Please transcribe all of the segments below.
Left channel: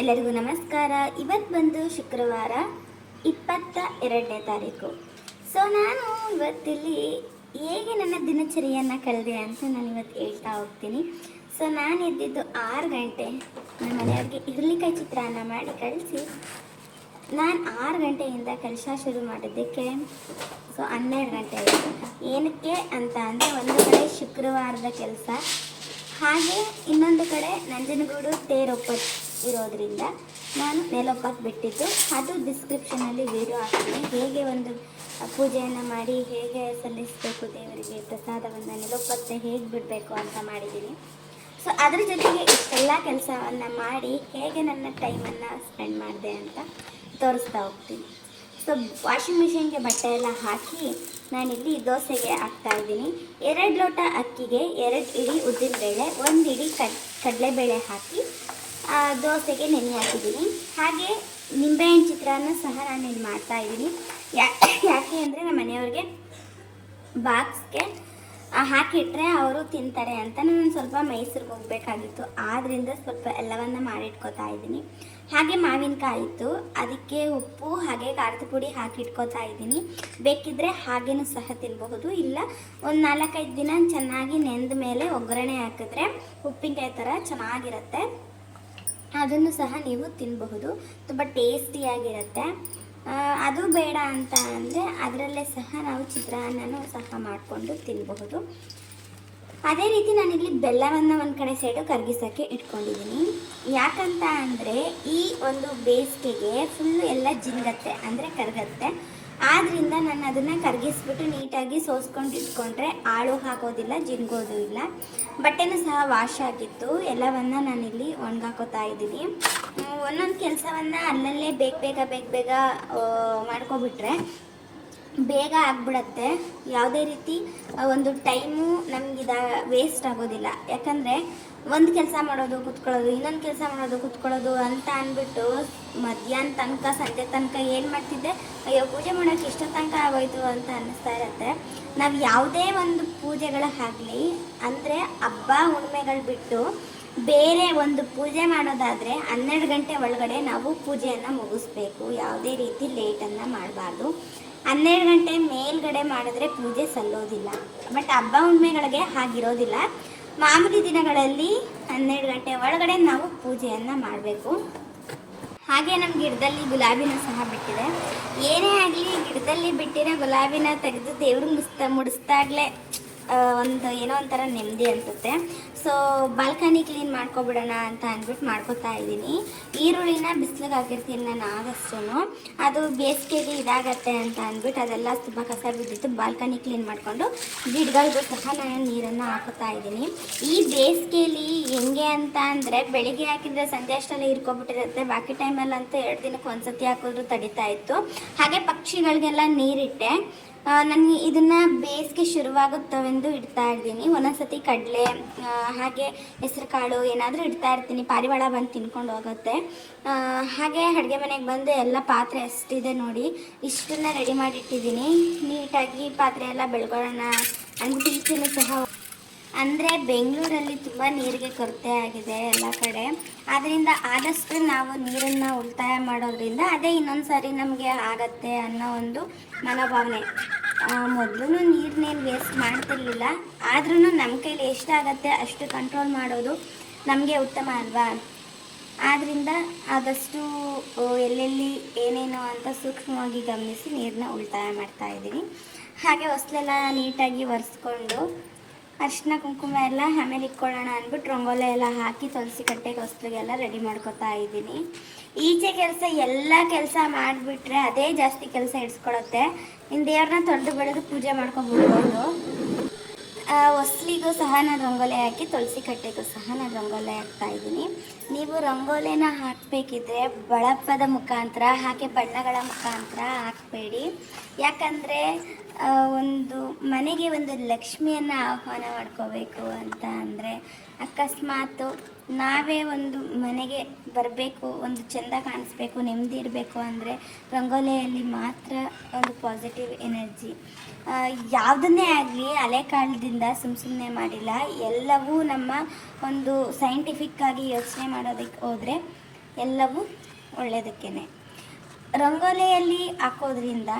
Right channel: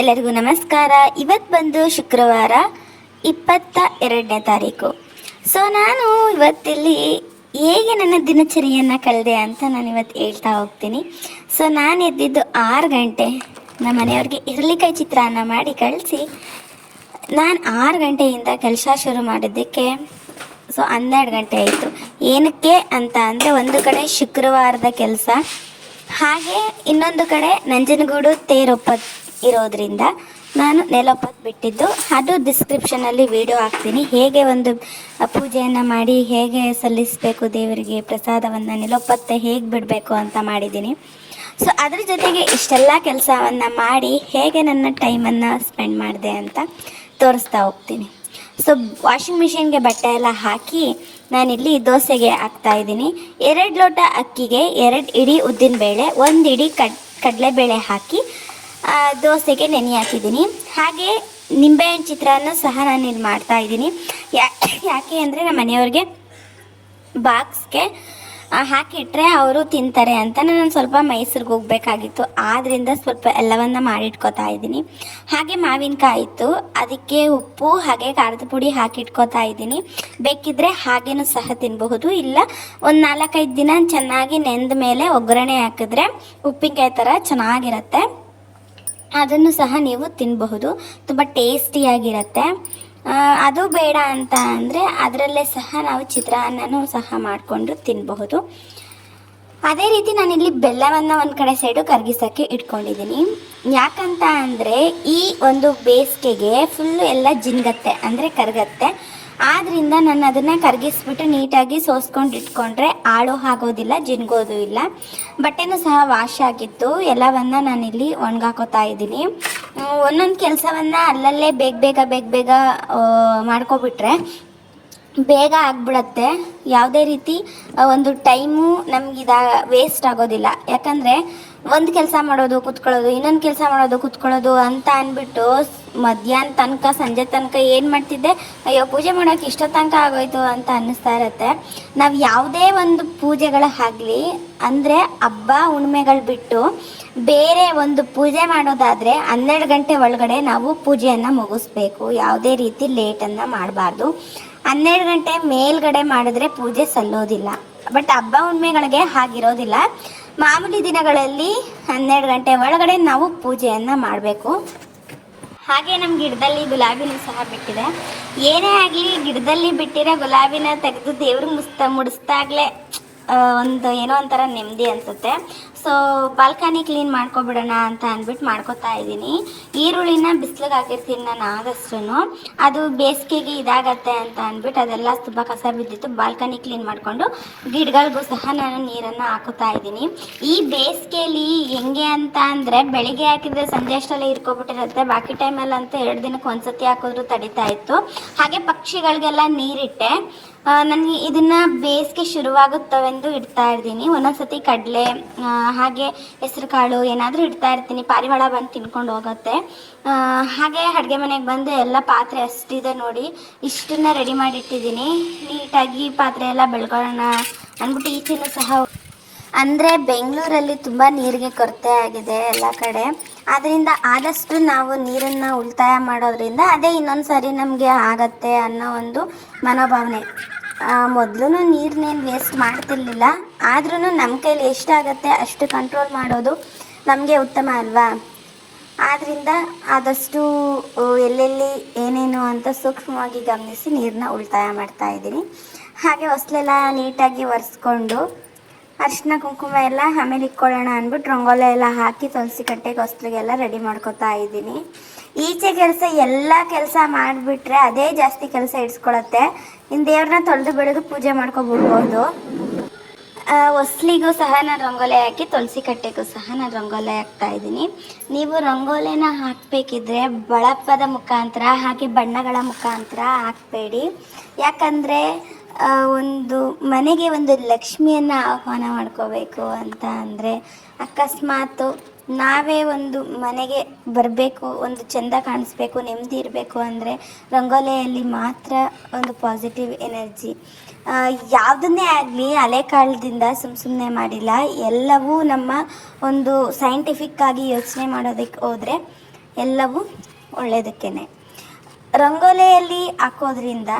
ಎಲ್ಲರಿಗೂ ನಮಸ್ಕಾರ. ಇವತ್ತು ಬಂದು ಶುಕ್ರವಾರ ಇಪ್ಪತ್ತ ಎರಡನೇ ತಾರೀಕು. ಸೊ ನಾನು ಇವತ್ತಿಲ್ಲಿ ಹೇಗೆ ನನ್ನ ದಿನಚರಿಯನ್ನು ಕಳೆದೆ ಅಂತ ನಾನು ಇವತ್ತು ಹೇಳ್ತಾ ಹೋಗ್ತೀನಿ. ಸೊ ನಾನು ಎದ್ದಿದ್ದು ಆರು ಗಂಟೆ. ನಮ್ಮ ಮನೆಯವ್ರಿಗೆ ಇರಲಿಕಾಯಿ ಚಿತ್ರಾನ್ನ ಮಾಡಿ ಕಳಿಸಿ. ನಾನು ಆರು ಗಂಟೆಯಿಂದ ಕೆಲಸ ಶುರು ಮಾಡಿದ್ದಕ್ಕೆ ಸೊ ಹನ್ನೆರಡು ಗಂಟೆ ಆಯಿತು. ಏನಕ್ಕೆ ಅಂತ ಅಂದರೆ ಒಂದು ಕಡೆ ಶುಕ್ರವಾರದ ಕೆಲಸ, ಹಾಗೆ ಇನ್ನೊಂದು ಕಡೆ ನಂಜನಗೂಡು ತೇರೊಪ್ಪತ್ ಇರೋದ್ರಿಂದ ನಾನು ನೆಲೊಪ್ಪತ್ತು ಬಿಟ್ಟಿದ್ದು. ಅದು ಡಿಸ್ಕ್ರಿಪ್ಷನಲ್ಲಿ ವಿಡಿಯೋ ಹಾಕ್ತೀನಿ. ಹೇಗೆ ಒಂದು ಪೂಜೆಯನ್ನು ಮಾಡಿ ಹೇಗೆ ಸಲ್ಲಿಸಬೇಕು ದೇವರಿಗೆ ಪ್ರಸಾದವನ್ನು ನೆಲಪತ್ತ ಹೇಗೆ ಬಿಡಬೇಕು ಅಂತ ಮಾಡಿದ್ದೀನಿ. ಸೊ ಅದ್ರ ಜೊತೆಗೆ ಇಷ್ಟೆಲ್ಲ ಕೆಲಸವನ್ನು ಮಾಡಿ ಹೇಗೆ ನನ್ನ ಟೈಮನ್ನು ಸ್ಪೆಂಡ್ ಮಾಡಿದೆ ಅಂತ ತೋರಿಸ್ತಾ ಹೋಗ್ತೀನಿ. ಸೊ ವಾಷಿಂಗ್ ಮಿಷಿನ್ಗೆ ಬಟ್ಟೆ ಎಲ್ಲ ಹಾಕಿ ನಾನಿಲ್ಲಿ ದೋಸೆಗೆ ಹಾಕ್ತಾ ಇದ್ದೀನಿ. ಎರಡು ಲೋಟ ಅಕ್ಕಿಗೆ ಎರಡು ಇಡೀ ಉದ್ದಿನಬೇಳೆ, ಒಂದು ಇಡೀ ಕಡ್, ಕಡಲೆಬೇಳೆ ಹಾಕಿ ದೋಸೆಗೆ ನೆನೆ ಹಾಕಿದ್ದೀನಿ. ಹಾಗೆ ನಿಂಬೆಹಣ್ಣು ಚಿತ್ರಾನ್ನ ಸಹ ನಾನು ಇಲ್ಲಿ ಮಾಡ್ತಾ ಇದ್ದೀನಿ. ಯಾಕೆ ಅಂದರೆ ನಮ್ಮ ಮನೆಯವ್ರಿಗೆ ಬಾಕ್ಸ್ಗೆ ಹಾಕಿಟ್ರೆ ಅವರು ತಿಂತಾರೆ ಅಂತ ನಾನು ಸ್ವಲ್ಪ ಮೈಸೂರಿಗೆ ಹೋಗ್ಬೇಕಾಗಿತ್ತು. ಆದ್ದರಿಂದ ಸ್ವಲ್ಪ ಎಲ್ಲವನ್ನ ಮಾಡಿಟ್ಕೋತಾ ಇದ್ದೀನಿ. ಹಾಗೆ ಮಾವಿನಕಾಯಿ ಇತ್ತು ಅದಕ್ಕೆ ಉಪ್ಪು ಹಾಗೆ ಖಾರದ ಪುಡಿ ಹಾಕಿಟ್ಕೋತಾ ಇದ್ದೀನಿ. ಬೇಕಿದ್ರೆ ಹಾಗೇನೂ ಸಹ ತಿನ್ನಬಹುದು ಇಲ್ಲ, ಒಂದು ನಾಲ್ಕೈದು ದಿನ ಚೆನ್ನಾಗಿ ನೆಂದ ಮೇಲೆ ಒಗ್ಗರಣೆ ಹಾಕಿದ್ರೆ ಉಪ್ಪಿನಕಾಯಿ ಥರ ಚೆನ್ನಾಗಿರುತ್ತೆ. ಅದನ್ನು ಸಹ ನೀವು ತಿನ್ನಬಹುದು ತುಂಬ ಟೇಸ್ಟಿಯಾಗಿರುತ್ತೆ ಅದು ಬೇಡ ಅಂತ ಅಂದರೆ ಅದರಲ್ಲೇ ಸಹ ನಾವು ಚಿತ್ರಾನ್ನನೂ ಸಹ ಮಾಡಿಕೊಂಡು ತಿನ್ನಬಹುದು ಅದೇ ರೀತಿ ನಾನಿಲ್ಲಿ ಬೆಲ್ಲವನ್ನು ಒಂದು ಕಡೆ ಸೈಡು ಕರಗಿಸೋಕ್ಕೆ ಇಟ್ಕೊಂಡಿದ್ದೀನಿ. ಯಾಕಂತ ಅಂದರೆ ಈ ಒಂದು ಬೇಸಿಗೆಗೆ ಫುಲ್ಲು ಎಲ್ಲ ಜಿನ್ಗತ್ತೆ, ಅಂದರೆ ಕರಗತ್ತೆ. ಆದ್ದರಿಂದ ನಾನು ಅದನ್ನು ಕರಗಿಸ್ಬಿಟ್ಟು ನೀಟಾಗಿ ಸೋಸ್ಕೊಂಡು ಇಟ್ಕೊಂಡ್ರೆ ಆಳು ಆಗೋದಿಲ್ಲ, ಜಿನ್ಗೋದು ಇಲ್ಲ. ಬಟ್ಟೆನೂ ಸಹ ವಾಶ್ ಆಗಿತ್ತು. ಎಲ್ಲವನ್ನ ನಾನಿಲ್ಲಿ ಒಣಗಾಕೋತಾ ಇದ್ದೀನಿ. ಒಂದೊಂದು ಕೆಲಸವನ್ನು ಅಲ್ಲಲ್ಲೇ ಬೇಗ ಬೇಗ ಬೇಗ ಬೇಗ ಮಾಡ್ಕೊಬಿಟ್ರೆ ಬೇಗ ಆಗ್ಬಿಡತ್ತೆ. ಯಾವುದೇ ರೀತಿ ಒಂದು ಟೈಮು ನಮಗಿದ ವೇಸ್ಟ್ ಆಗೋದಿಲ್ಲ. ಯಾಕಂದರೆ, ಒಂದು ಕೆಲಸ ಮಾಡೋದು, ಕುತ್ಕೊಳ್ಳೋದು, ಇನ್ನೊಂದು ಕೆಲಸ ಮಾಡೋದು, ಕುತ್ಕೊಳ್ಳೋದು ಅಂತ ಅಂದ್ಬಿಟ್ಟು ಮಧ್ಯಾಹ್ನ ತನಕ, ಸಂಜೆ ತನಕ ಏನು ಮಾಡ್ತಿದ್ದೆ, ಅಯ್ಯೋ, ಪೂಜೆ ಮಾಡೋಕೆ ಇಷ್ಟ ತನಕ ಆಗೋಯ್ತು ಅಂತ ಅನ್ನಿಸ್ತಾ ಇರತ್ತೆ. ನಾವು ಯಾವುದೇ ಒಂದು ಪೂಜೆಗಳ ಆಗಲಿ, ಅಂದರೆ ಹಬ್ಬ, ಹುಣ್ಮೆಗಳು ಬಿಟ್ಟು ಬೇರೆ ಒಂದು ಪೂಜೆ ಮಾಡೋದಾದರೆ ಹನ್ನೆರಡು ಗಂಟೆ ಒಳಗಡೆ ನಾವು ಪೂಜೆಯನ್ನು ಮುಗಿಸ್ಬೇಕು. ಯಾವುದೇ ರೀತಿ ಲೇಟನ್ನು ಮಾಡಬಾರ್ದು. ಹನ್ನೆರಡು ಗಂಟೆ ಮೇಲ್ಗಡೆ ಮಾಡಿದ್ರೆ ಪೂಜೆ ಸಲ್ಲೋದಿಲ್ಲ. ಬಟ್ ಹಬ್ಬ ಹುಣ್ಮೆಗಳಿಗೆ ಹಾಗಿರೋದಿಲ್ಲ. ಮಾಮೂಲಿ ದಿನಗಳಲ್ಲಿ ಹನ್ನೆರಡು ಗಂಟೆ ಒಳಗಡೆ ನಾವು ಪೂಜೆಯನ್ನು ಮಾಡಬೇಕು. ಹಾಗೆ ನಮ್ಮ ಗಿಡದಲ್ಲಿ ಗುಲಾಬಿನೂ ಸಹ ಬಿಟ್ಟಿದೆ. ಏನೇ ಆಗಲಿ ಗಿಡದಲ್ಲಿ ಬಿಟ್ಟಿರೋ ಗುಲಾಬಿನ ತೆಗೆದು ದೇವ್ರಿಗೆ ಮುಸ್ತಾ ಮುಡಿಸ್ದಾಗಲೇ ಒಂದು ಏನೋ ಒಂಥರ ನೆಮ್ಮದಿ ಅನಿಸುತ್ತೆ. ಸೊ ಬಾಲ್ಕನಿ ಕ್ಲೀನ್ ಮಾಡ್ಕೊಬಿಡೋಣ ಅಂತ ಅಂದ್ಬಿಟ್ಟು ಮಾಡ್ಕೊತಾ ಇದ್ದೀನಿ. ಈರುಳ್ಳಿನ ಬಿಸಿಲಿಗೆ ಹಾಕಿರ್ತೀನಿ ನಾನು ಆದಷ್ಟು ಅದು ಬೇಸಿಗೆಗೆ ಇದಾಗತ್ತೆ ಅಂತ ಅಂದ್ಬಿಟ್ಟು ಅದೆಲ್ಲ ತುಂಬ ಕಸ ಬಿದ್ದಿತ್ತು. ಬಾಲ್ಕನಿ ಕ್ಲೀನ್ ಮಾಡಿಕೊಂಡು ಗಿಡಗಳಿಗೂ ಸಹ ನಾನು ನೀರನ್ನು ಹಾಕುತ್ತಾ ಇದ್ದೀನಿ. ಈ ಬೇಸಿಗೆಯಲ್ಲಿ ಹೆಂಗೆ ಅಂತ ಅಂದರೆ ಬೆಳಿಗ್ಗೆ ಹಾಕಿದ್ರೆ ಸಂಜೆ ಅಷ್ಟೆಲ್ಲ ಇರ್ಕೊಬಿಟ್ಟಿರುತ್ತೆ. ಬಾಕಿ ಟೈಮಲ್ಲಂತೂ ಎರಡು ದಿನಕ್ಕೆ ಒಂದ್ಸತಿ ಹಾಕಿದ್ರು ತಡಿತಾ ಇತ್ತು. ಹಾಗೆ ಪಕ್ಷಿಗಳಿಗೆಲ್ಲ ನೀರಿಟ್ಟೆ. ನನಗೆ ಇದನ್ನು ಬೇಸಿಗೆ ಶುರುವಾಗುತ್ತವೆಂದು ಇಡ್ತಾ ಇರ್ತೀನಿ. ಒಂದೊಂದ್ಸತಿ ಕಡಲೆ ಹಾಗೆ ಹೆಸರು ಕಾಳು ಏನಾದರೂ ಇಡ್ತಾ ಇರ್ತೀನಿ. ಪಾರಿವಾಳ ಬಂದು ಇಟ್ಕೊಂಡು ಹೋಗುತ್ತೆ. ಹಾಗೆ ಅಡುಗೆ ಮನೆಗೆ ಬಂದು ಎಲ್ಲ ಪಾತ್ರೆ ಅಷ್ಟಿದೆ ನೋಡಿ. ಇಷ್ಟನ್ನ ರೆಡಿ ಮಾಡಿ ಇಟ್ಟಿದ್ದೀನಿ ನೀಟಾಗಿ ಪಾತ್ರೆ ಎಲ್ಲ ಬೆಳ್ಕೊಳ್ಳೋಣ. ಅಂದ್ಬಿಟ್ಟು ಈಚೆನೂ ಸಹ ಅಂದರೆ ಬೆಂಗಳೂರಲ್ಲಿ ತುಂಬ ನೀರಿಗೆ ಕೊರತೆ ಆಗಿದೆ ಎಲ್ಲ ಕಡೆ. ಆದ್ದರಿಂದ ಆದಷ್ಟು ನಾವು ನೀರನ್ನು ಉಳಿತಾಯ ಮಾಡೋದ್ರಿಂದ ಅದೇ ಇನ್ನೊಂದು ಸಾರಿ ನಮಗೆ ಆಗತ್ತೆ ಅನ್ನೋ ಒಂದು ಮನೋಭಾವನೆ. ಮೊದಲು ನೀರನ್ನೇನು ವೇಸ್ಟ್ ಮಾಡ್ತಿರ್ಲಿಲ್ಲ. ಆದ್ರೂ ನಮ್ಮ ಕೈಲಿ ಎಷ್ಟಾಗತ್ತೆ ಅಷ್ಟು ಕಂಟ್ರೋಲ್ ಮಾಡೋದು ನಮಗೆ ಉತ್ತಮ ಅಲ್ವಾ? ಆದ್ದರಿಂದ ಆದಷ್ಟು ಎಲ್ಲೆಲ್ಲಿ ಏನೇನು ಅಂತ ಸೂಕ್ಷ್ಮವಾಗಿ ಗಮನಿಸಿ ನೀರನ್ನ ಉಳಿತಾಯ ಮಾಡ್ತಾ ಇದ್ದೀನಿ. ಹಾಗೆ ಹೊಸಲೆಲ್ಲ ನೀಟಾಗಿ ಒರೆಸ್ಕೊಂಡು ಅರಿಶಿನ ಕುಂಕುಮ ಎಲ್ಲ ಆಮೇಲೆ ಇಕ್ಕೊಳ್ಳೋಣ ಅಂದ್ಬಿಟ್ಟು ರಂಗೋಲೆ ಎಲ್ಲ ಹಾಕಿ ತುಳಸಿ ಕಟ್ಟೆಗೆ ಹೊಸ್ಲಿಗೆಲ್ಲ ರೆಡಿ ಮಾಡ್ಕೊತಾ ಇದ್ದೀನಿ. ಈಚೆ ಕೆಲಸ ಎಲ್ಲ ಕೆಲಸ ಮಾಡಿಬಿಟ್ರೆ ಅದೇ ಜಾಸ್ತಿ ಕೆಲಸ ಇಡ್ಸ್ಕೊಳತ್ತೆ. ಇನ್ನು ದೇವ್ರನ್ನ ತೊಳೆದು ಬೆಳೆದು ಪೂಜೆ ಮಾಡ್ಕೊಬಿಡ್ಬೋದು ಆ, ಹೊಸ್ಲಿಗೂ ಸಹ ನಾನು ರಂಗೋಲಿ ಹಾಕಿ, ತುಳಸಿ ಕಟ್ಟೆಗೂ ಸಹ ನಾನು ರಂಗೋಲಿ ಹಾಕ್ತಾ ಇದ್ದೀನಿ. ನೀವು ರಂಗೋಲಿನ ಹಾಕಬೇಕಿದ್ರೆ ಬಳಪದ ಮುಖಾಂತರ ಹಾಗೆ ಬಣ್ಣಗಳ ಮುಖಾಂತರ ಹಾಕಬೇಡಿ. ಯಾಕಂದರೆ ಒಂದು ಮನೆಗೆ ಒಂದು ಲಕ್ಷ್ಮಿಯನ್ನು ಆಹ್ವಾನ ಮಾಡ್ಕೋಬೇಕು ಅಂತ ಅಂದರೆ ಅಕಸ್ಮಾತ್ ನಾವೇ ಒಂದು ಮನೆಗೆ ಬರಬೇಕು, ಒಂದು ಚೆಂದ ಕಾಣಿಸ್ಬೇಕು, ನೆಮ್ಮದಿ ಇರಬೇಕು ಅಂದರೆ ರಂಗೋಲಿಯಲ್ಲಿ ಮಾತ್ರ ಒಂದು ಪಾಸಿಟಿವ್ ಎನರ್ಜಿ ಯಾವುದನ್ನೇ ಆಗಲಿ ಹಳೆ ಕಾಲದಿಂದ ಸುಮ್ ಸುಮ್ಮನೆ ಮಾಡಿಲ್ಲ. ಎಲ್ಲವೂ ನಮ್ಮ ಒಂದು ಸೈಂಟಿಫಿಕ್ ಆಗಿ ಯೋಚನೆ ಮಾಡೋದಕ್ಕೆ ಹೋದರೆ ಎಲ್ಲವೂ ಒಳ್ಳೆಯದಕ್ಕೇ ರಂಗೋಲಿಯಲ್ಲಿ ಹಾಕೋದ್ರಿಂದ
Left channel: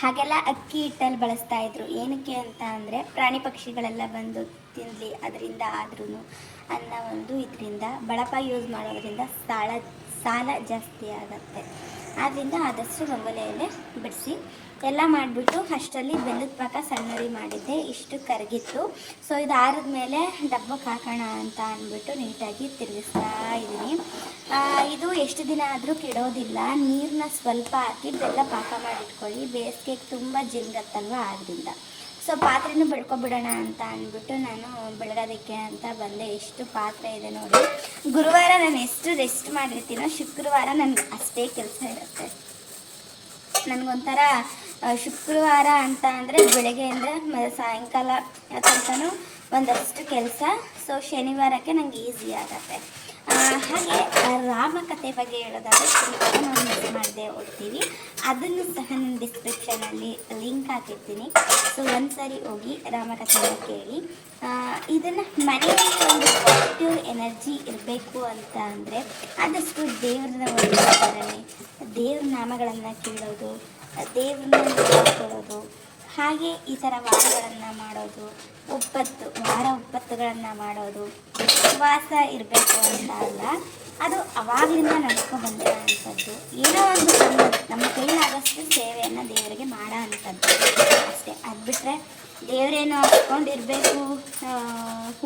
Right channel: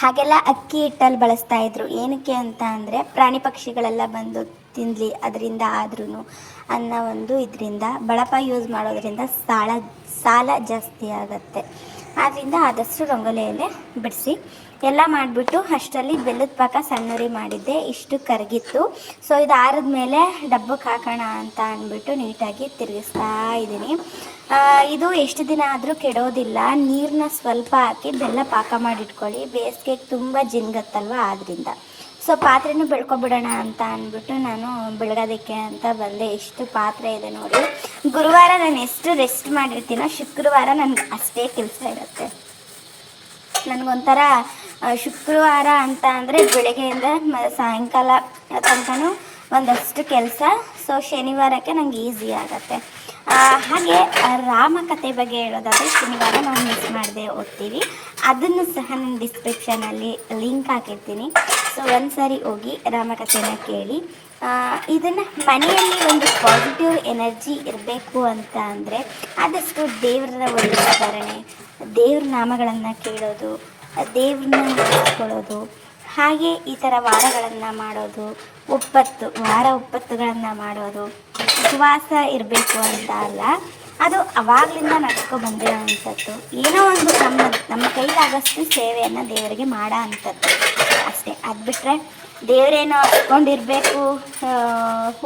ಹಾಗೆಲ್ಲ ಅಕ್ಕಿ ಹಿಟ್ಟಲ್ಲಿ ಬಳಸ್ತಾ ಇದ್ರು. ಏನಕ್ಕೆ ಅಂತ ಅಂದರೆ ಪ್ರಾಣಿ ಪಕ್ಷಿಗಳೆಲ್ಲ ಬಂದು ತಿನ್ಲಿ, ಅದರಿಂದ ಆದ್ರೂ ಅನ್ನೋ ಒಂದು ಇದರಿಂದ, ಬಳಪ ಯೂಸ್ ಮಾಡೋದ್ರಿಂದ ಸಾಲ ಸಾಲ ಜಾಸ್ತಿ ಆಗುತ್ತೆ. ಆದ್ದರಿಂದ ಆದಷ್ಟು ರಂಗೋಲಿಯಲ್ಲೇ ಬಿಡಿಸಿ ಎಲ್ಲ ಮಾಡಿಬಿಟ್ಟು ಅಷ್ಟರಲ್ಲಿ ಬೆಲ್ಲದ ಪಾಕ ಸಣ್ಣರಿ ಮಾಡಿದ್ದೆ. ಇಷ್ಟು ಕರಗಿತ್ತು. ಸೊ ಇದು ಆರಿದ ಮೇಲೆ ಡಬ್ಬಕ್ಕೆ ಹಾಕೋಣ ಅಂತ ಅಂದ್ಬಿಟ್ಟು ನೀಟಾಗಿ ತಿರುಗಿಸ್ತಾ ಇದ್ದೀನಿ. ಇದು ಎಷ್ಟು ದಿನ ಆದರೂ ಕೆಡೋದಿಲ್ಲ. ನೀರನ್ನ ಸ್ವಲ್ಪ ಹಾಕಿ ಬೆಲ್ಲ ಪಾಕ ಮಾಡಿಟ್ಕೊಳ್ಳಿ. ಬೇಸಿಗೆಗೆ ತುಂಬ ಜಿನ್ಗತ್ತಲ್ವ ಆದ್ದರಿಂದ ಸೊ ಪಾತ್ರೆನೂ ಬೆಳ್ಕೊಬಿಡೋಣ ಅಂತ ಅಂದ್ಬಿಟ್ಟು ನಾನು ಬೆಳಗೋದಕ್ಕೆ ಅಂತ ಬಂದೆ. ಎಷ್ಟು ಪಾತ್ರೆ ಇದೆ ನೋಡಿ. ಗುರುವಾರ ನಾನು ಎಷ್ಟು ರೆಸ್ಟ್ ಮಾಡಿರ್ತೀನೋ ಶುಕ್ರವಾರ ನನಗೆ ಅಷ್ಟೇ ಕೆಲಸ ಇರುತ್ತೆ. ನನಗೊಂಥರ ಶುಕ್ರವಾರ ಅಂತ ಅಂದರೆ ಬೆಳಗ್ಗೆಯಿಂದ ಮ, ಸಾಯಂಕಾಲ ತನಕನೂ ಒಂದಷ್ಟು ಕೆಲಸ. ಸೊ ಶನಿವಾರಕ್ಕೆ ನನಗೆ ಈಸಿ ಆಗುತ್ತೆ. ಹಾಗೆ ರಾಮ ರಾಮಕಥೆ ಬಗ್ಗೆ ಹೇಳೋದಾದರೆ ಶನಿವಾರ ನಾವು ಮಿಸ್ ಮಾಡದೆ ಓದ್ತೀವಿ ಅದನ್ನು ಸಹ ನಾನು ಡಿಸ್ಕ್ರಿಪ್ಷನಲ್ಲಿ ಲಿಂಕ್ ಹಾಕಿರ್ತೀನಿ. ಸೊ ಒಂದ್ಸರಿ ಹೋಗಿ ರಾಮಕಥೆನ ಕೇಳಿ. ಇದನ್ನು ಮನೆಯಲ್ಲಿ ಒಂದು ಪಾಸಿಟಿವ್ ಎನರ್ಜಿ ಇರಬೇಕು ಅಂತ ಅಂದರೆ ಆದಷ್ಟು ದೇವರ ಒಂದು ದೇವ್ರ ನಾಮಗಳನ್ನು ಕೇಳೋದು, ದೇವ್ರನ್ನ ನೆನೆಸ್ಕೊಳ್ಳೋದು ಹಾಗೆ ಈ ಥರ ವಾರಗಳನ್ನು ಮಾಡೋದು, ಉಪ್ಪತ್ತು, ವಾರ ಉಪ್ಪತ್ತುಗಳನ್ನು ಮಾಡೋದು, ಉಪವಾಸ ಇರಬೇಕು ಅಂತ ಅಲ್ಲ, ಅದು ಅವಾಗಲಿಂದ ನಡ್ಕೊ ಬಂದಿರೋವಂಥದ್ದು ಏನೋ ಒಂದು ನಮ್ಮ ನಮ್ಮ ಕೈಲಾಗಷ್ಟು ಸೇವೆಯನ್ನು ದೇವರಿಗೆ ಮಾಡೋ ಅಂಥದ್ದು. ಅಷ್ಟೇ, ಅದು ಬಿಟ್ಟರೆ ದೇವರೇನೋ ಹಚ್ಕೊಂಡಿರಬೇಕು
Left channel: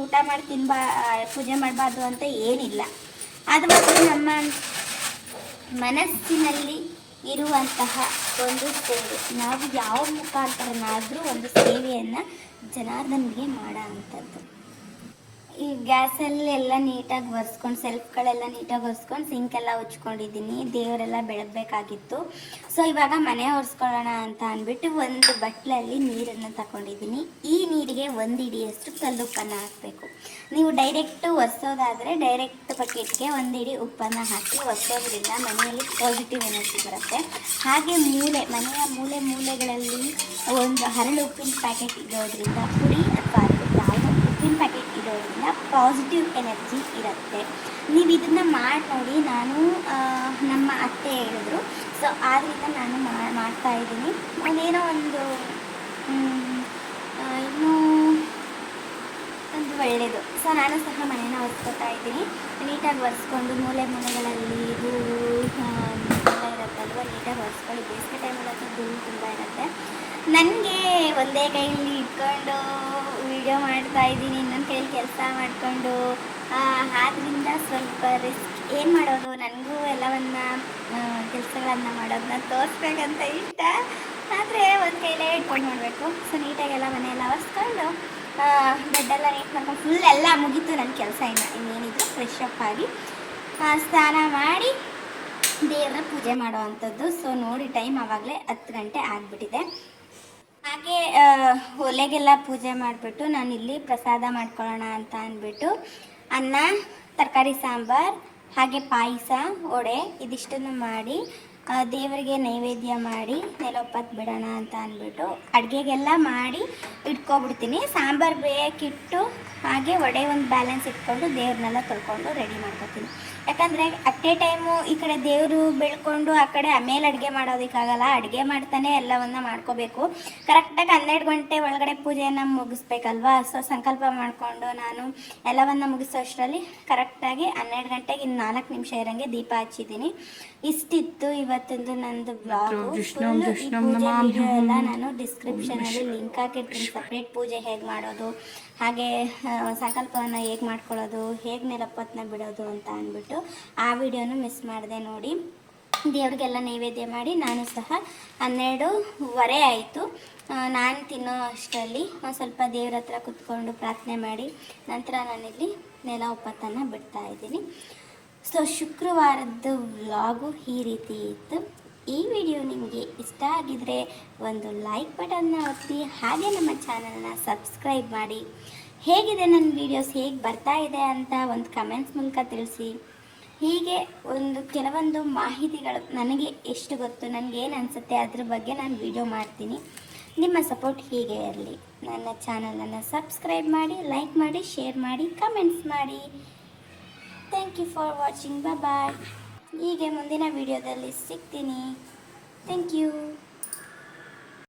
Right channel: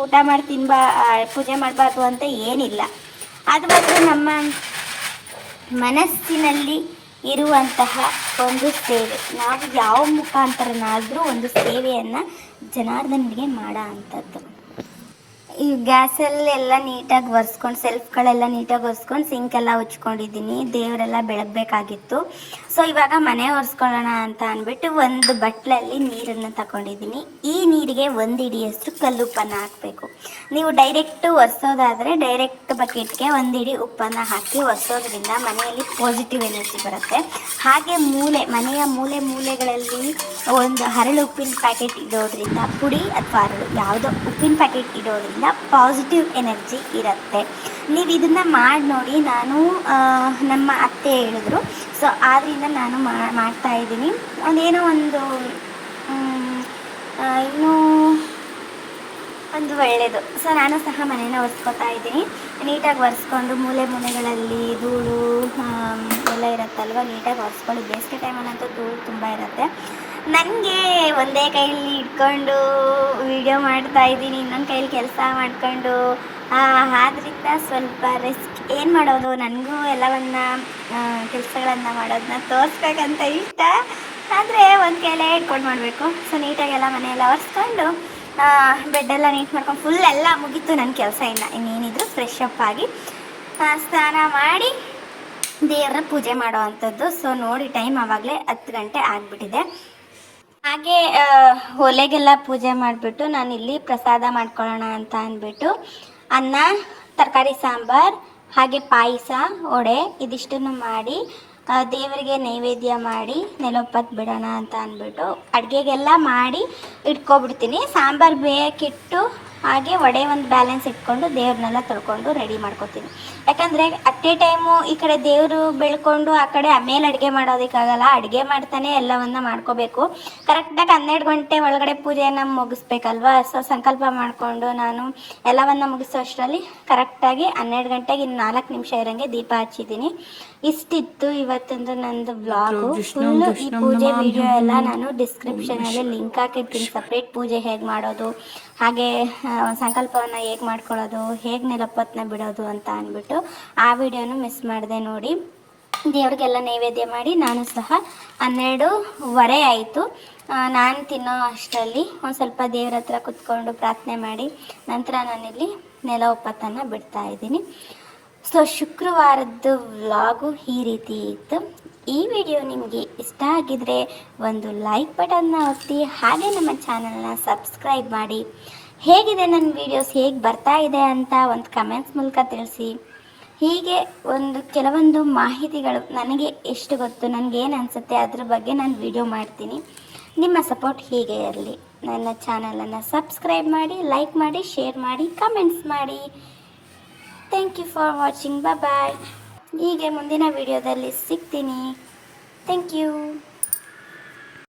ಊಟ ಮಾಡಿ ತಿನ್ಬಾ ಪೂಜೆ ಮಾಡಬಾರ್ದು ಅಂತ ಏನಿಲ್ಲ. ಅದು ಮಾತ್ರ ನಮ್ಮ ಮನಸ್ಸಿನಲ್ಲಿ ಇರುವಂತಹ ಒಂದು ಸೇವೆ. ನಾವು ಯಾವ ಮುಖಾಂತರನಾದರೂ ಒಂದು ಸೇವೆಯನ್ನು ಜನಾರ್ದನಿಗೆ ಮಾಡೋ ಅಂಥದ್ದು ಈ ಗ್ಯಾಸಲ್ಲೆಲ್ಲ ನೀಟಾಗಿ ಒರೆಸ್ಕೊಂಡು ಸೆಲ್ಫ್ಗಳೆಲ್ಲ ನೀಟಾಗಿ ಒರೆಸ್ಕೊಂಡು ಸಿಂಕೆಲ್ಲ ಉಚ್ಕೊಂಡಿದ್ದೀನಿ. ದೇವರೆಲ್ಲ ಬೆಳಗ್ಬೇಕಾಗಿತ್ತು. ಸೊ ಇವಾಗ ಮನೆ ಒರೆಸ್ಕೊಳ್ಳೋಣ ಅಂತ ಅಂದ್ಬಿಟ್ಟು ಒಂದು ಬಟ್ಲಲ್ಲಿ ನೀರನ್ನು ತಗೊಂಡಿದ್ದೀನಿ. ಈ ನೀರಿಗೆ ಒಂದು ಕಲ್ಲು ಕಲ್ಲುಪ್ಪನ್ನು ಹಾಕಬೇಕು. ನೀವು ಡೈರೆಕ್ಟ್ ಒರೆಸೋದಾದರೆ ಡೈರೆಕ್ಟ್ ಬಕೆಟ್ಗೆ ಒಂದು ಇಡಿ ಉಪ್ಪನ್ನು ಹಾಕಿ ಒರೆಸೋದ್ರಿಂದ ಮನೆಯಲ್ಲಿ ಪಾಸಿಟಿವ್ ಎನರ್ಜಿ ಬರುತ್ತೆ. ಹಾಗೆ ಮೂಲೆ, ಮನೆಯ ಮೂಲೆ ಮೂಲೆಗಳಲ್ಲಿ ಒಂದು ಹರಳು ಉಪ್ಪಿನ ಪ್ಯಾಕೆಟ್ ಇಡೋದ್ರಿಂದ ಪುಡಿ ಅಥವಾ ಯಾವುದೋ ಉಪ್ಪಿನ ಪ್ಯಾಕೆಟ್ ಇಡೋದ್ರಿಂದ ಪಾಸಿಟಿವ್ ಎನರ್ಜಿ ಇರುತ್ತೆ. ನೀವು ಇದನ್ನು ಮಾಡಿ ನೋಡಿ, ನಾನು ನಮ್ಮ ಅತ್ತೆ ಹೇಳಿದ್ರು. ಸೊ ಆದ್ದರಿಂದ ನಾನು ಮಾಡ್ತಾ ಇದ್ದೀನಿ. ಒಂದೇನೋ ಒಂದು ಇನ್ನು ಒಂದು ಒಳ್ಳೆಯದು ಸೊ ನಾನು ಸಹ ಮನೇನ ಒರೆಸ್ಕೊತಾ ಇದ್ದೀನಿ. ನೀಟಾಗಿ ಒರೆಸ್ಕೊಂಡು ಮೂಲೆ ಮೂಲೆಗಳಲ್ಲಿ ಧೂಳು ಎಲ್ಲ ಇರುತ್ತಲ್ವ? ನೀಟಾಗಿ ಒರೆಸ್ಕೊಳ್ಳಿ. ಬೇಸಿಗೆ ಟೈಮಲ್ಲಂತೂ ಧೂಳು ತುಂಬ ಇರುತ್ತೆ. ನನಗೆ ಒಂದೇ ಕೈಯಲ್ಲಿ ಇಟ್ಕೊಂಡು ವಿಡಿಯೋ ಮಾಡ್ತಾ ಇದ್ದೀನಿ. ಇನ್ನೊಂದು ಕೈಯಲ್ಲಿ ಕೆಲಸ ಮಾಡ್ಕೊಂಡು. ಆದ್ದರಿಂದ ಸ್ವಲ್ಪ ರಿಸ್ಕ್ ಏನು ಮಾಡೋದು? ನನಗೂ ಎಲ್ಲವನ್ನ ಕೆಲಸಗಳನ್ನು ಮಾಡೋದನ್ನ ತೋರಿಸ್ಬೇಕಂತ ಇಷ್ಟ. ಆದರೆ ಒಂದು ಕೈಲೇ ಇಟ್ಕೊಂಡು ಮಾಡಬೇಕು. ಸೊ ನೀಟಾಗೆಲ್ಲ ಮನೆಯೆಲ್ಲ ಒರೆಸ್ಕೊಂಡು ಬೆಡ್ಡೆಲ್ಲ ನೀಟ್ ಮಾಡ್ಕೊಂಡು ಫುಲ್ ಎಲ್ಲ ಮುಗೀತು ನನ್ನ ಕೆಲಸ ಇಲ್ಲ ಇನ್ನೇನಿದ್ರು ಫ್ರೆಶ್ ಅಪ್ ಆಗಿ ಸ್ನಾನ ಮಾಡಿ ದೇವರ ಪೂಜೆ ಮಾಡೋ ಅಂಥದ್ದು. ಸೊ ನೋಡಿ ಟೈಮ್ ಆವಾಗಲೇ ಹತ್ತು ಗಂಟೆ ಆಗಿಬಿಟ್ಟಿದೆ. ಹಾಗೆ ಒಲೆಗೆಲ್ಲ ಪೂಜೆ ಮಾಡಿಬಿಟ್ಟು ನಾನು ಇಲ್ಲಿ ಪ್ರಸಾದ ಮಾಡ್ಕೊಳ್ಳೋಣ ಅಂತ ಅಂದ್ಬಿಟ್ಟು ಅನ್ನ, ತರಕಾರಿ ಸಾಂಬಾರ್, ಹಾಗೆ ಪಾಯಸ, ವಡೆ ಇದಿಷ್ಟನ್ನು ಮಾಡಿ ದೇವರಿಗೆ ನೈವೇದ್ಯ ಮಾಡಿ, ನೆಲೊಪ್ಪತ್ತು ಬಿಡೋಣ ಅಂತ ಅಂದ್ಬಿಟ್ಟು ಅಡುಗೆಗೆಲ್ಲ ಮಾಡಿ ಇಟ್ಕೊಬಿಡ್ತೀನಿ. ಸಾಂಬಾರು ಬೇಯಕ್ಕಿಟ್ಟು ಹಾಗೆ ವಡೆ ಒಂದು ಬ್ಯಾಲೆನ್ಸ್ ಇಟ್ಕೊಂಡು ದೇವ್ರನ್ನೆಲ್ಲ ತೊಳ್ಕೊಂಡು ರೆಡಿ ಮಾಡ್ಕೊತೀನಿ. ಯಾಕಂದರೆ ಅಟ್ ಎ ಟೈಮು ಈ ಕಡೆ ದೇವರು ಬೆಳ್ಕೊಂಡು ಆ ಕಡೆ ಆಮೇಲೆ ಅಡುಗೆ ಮಾಡೋದಕ್ಕಾಗಲ್ಲ. ಅಡುಗೆ ಮಾಡ್ತಾನೆ ಎಲ್ಲವನ್ನ ಮಾಡ್ಕೋಬೇಕು. ಕರೆಕ್ಟಾಗಿ ಹನ್ನೆರಡು ಗಂಟೆ ಒಳಗಡೆ ಪೂಜೆಯನ್ನು ಮುಗಿಸ್ಬೇಕಲ್ವಾ? ಸೊ ಸಂಕಲ್ಪ ಮಾಡಿಕೊಂಡು ನಾನು ಎಲ್ಲವನ್ನ ಮುಗಿಸೋ ಅಷ್ಟರಲ್ಲಿ ಕರೆಕ್ಟಾಗಿ ಹನ್ನೆರಡು ಗಂಟೆಗೆ ಇನ್ನು ನಾಲ್ಕು ನಿಮಿಷ ಇರೋಂಗೆ ದೀಪ ಹಚ್ಚಿದ್ದೀನಿ. ಇಷ್ಟಿತ್ತು ಇವತ್ತೊಂದು ನಂದು ವ್ಲಾಗು ಫುಲ್ಲು ಈ ಪೂಜೆ ವಿಡಿಯೋ ಎಲ್ಲ ನಾನು ಡಿಸ್ಕ್ರಿಪ್ಷನಲ್ಲಿ ಲಿಂಕ್ ಹಾಕಿರ್ತೀನಿ. ಸಪ್ರೇಟ್ ಪೂಜೆ ಹೇಗೆ ಮಾಡೋದು ಹಾಗೆ ಸಂಕಲ್ಪವನ್ನು ಹೇಗೆ ಮಾಡ್ಕೊಳ್ಳೋದು ಹೇಗೆ ನೆಲಪತ್ನ ಬಿಡೋದು ಅಂತ ಆ ವಿಡಿಯೋನು ಮಿಸ್ ಮಾಡಿದೆ ನೋಡಿ. ದೇವ್ರಿಗೆಲ್ಲ ನೈವೇದ್ಯ ಮಾಡಿ ನಾನು ಸಹ ಹನ್ನೆರಡೂವರೆ ಆಯಿತು. ನಾನು ತಿನ್ನೋ ಅಷ್ಟರಲ್ಲಿ ಒಂದು ಸ್ವಲ್ಪ ದೇವ್ರ ಹತ್ರ ಕುತ್ಕೊಂಡು ಪ್ರಾರ್ಥನೆ ಮಾಡಿ ನಂತರ ನಾನಿಲ್ಲಿ ನೆಲ ಒಪ್ಪತ್ತನ್ನು ಬಿಡ್ತಾ ಇದ್ದೀನಿ. ಸೊ ಶುಕ್ರವಾರದ್ದು ವ್ಲಾಗು ಈ ರೀತಿ ಇತ್ತು. ಈ ವಿಡಿಯೋ ನಿಮಗೆ ಇಷ್ಟ ಆಗಿದ್ರೆ ಒಂದು ಲೈಕ್ ಬಟನ್ನ ಒತ್ತಿ, ಹಾಗೆ ನಮ್ಮ ಚಾನಲ್ನ ಸಬ್ಸ್ಕ್ರೈಬ್ ಮಾಡಿ. ಹೇಗಿದೆ ನನ್ನ ವಿಡಿಯೋಸ್ ಹೇಗೆ ಬರ್ತಾ ಇದೆ ಅಂತ ಒಂದು ಕಮೆಂಟ್ಸ್ ಮೂಲಕ ತಿಳಿಸಿ. ಹೀಗೆ ಒಂದು ಕೆಲವೊಂದು ಮಾಹಿತಿಗಳು ನನಗೆ ಎಷ್ಟು ಗೊತ್ತು, ನನಗೇನು ಅನಿಸುತ್ತೆ ಅದ್ರ ಬಗ್ಗೆ ನಾನು ವಿಡಿಯೋ ಮಾಡ್ತೀನಿ. ನಿಮ್ಮ ಸಪೋರ್ಟ್ ಹೀಗೆ ಇರಲಿ. ನನ್ನ ಚಾನಲನ್ನು ಸಬ್ಸ್ಕ್ರೈಬ್ ಮಾಡಿ ಲೈಕ್ ಮಾಡಿ ಶೇರ್ ಮಾಡಿ ಕಮೆಂಟ್ಸ್ ಮಾಡಿ. Thank you for watching bye ಹೀಗೆ ಮುಂದಿನ ವಿಡಿಯೋದಲ್ಲಿ ಸಿಗ್ತೀನಿ. Thank you